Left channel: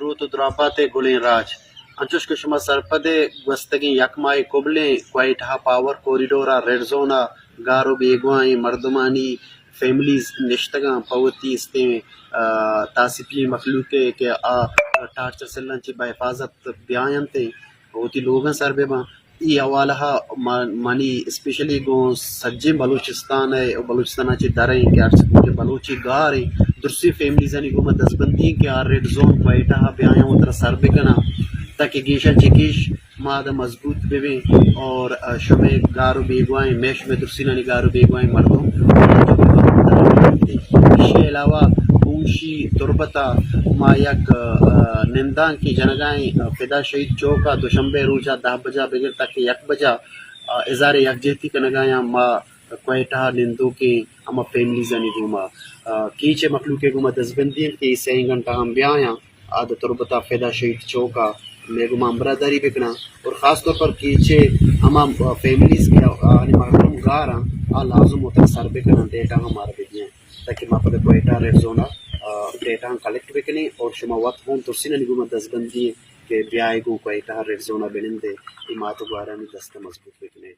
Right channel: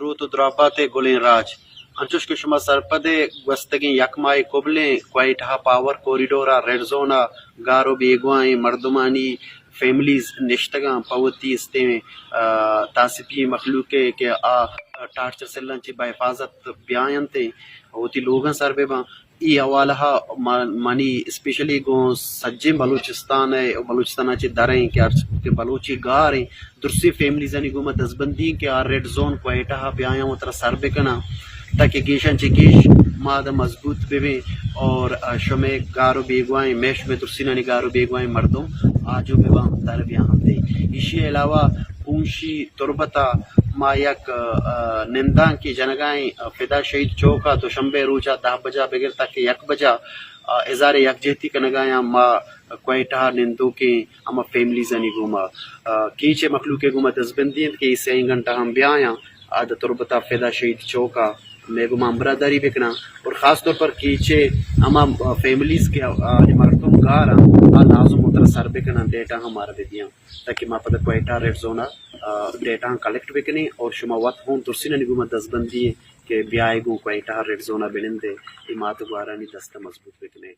درود و درابات گلین راج انچوش که شما سرپد گستگین یکمای کبلیں کوائٹہ پاور کوریڈورا ریڈ زونا گارو بیگوائیں مردمانی فیملیز نشتگاں پوتی استیں تاسپی مخلوق کہ ٹارچر سلن چی بحفاظت بیاین تے ہوتی لوگاں سر بے باں ای حوالہ منی اسپیشلی گو سجے بلوچستان ہے بلوچستان چی دریں کہ بلوچی گاریں درسی فیملیزانی گو دزبندی کہ ریڈ زون کوائٹہ بیاین و تر سر بے کنا تاکہ گیشن چی گیش مادہ مضبوط بے اور شمع گارو بیگوائیں میش میں درسینانی گارو بیگوائیں مردم جو بھی وقت اسی علاوہ بونشی تربتا ما یک نندان کی جنگائیں فدا شہید چوکا دوشنبے روزہ 10 بجا بغیر تک 1 بجا اظہار یکجہتی کا نگایاں ما کوئٹہ نندو کے اما فیملیز انی گوما کیچے مخلوق گوما دزبندین کے 3 گھنٹہ ہم بیاں آدھا تربتا فدا شہید چوکا میں گوما برادری بکنا اور خاص طور پر کیچے اما فیملیز کے مردم گارا لازم ہوتا سر بکنا ڈیٹا ہمارا بدیاں تاکہ ما پتہ کوئٹہ ریڈ زونا ڈیٹا کلیکٹ بکنے اور شما وقت ہون ترسینہ نگوما دزبندی کہ بیائے گو کوئٹہ ریڈ زونا بنندے امات گوارانی دستہ مضبوط بکنے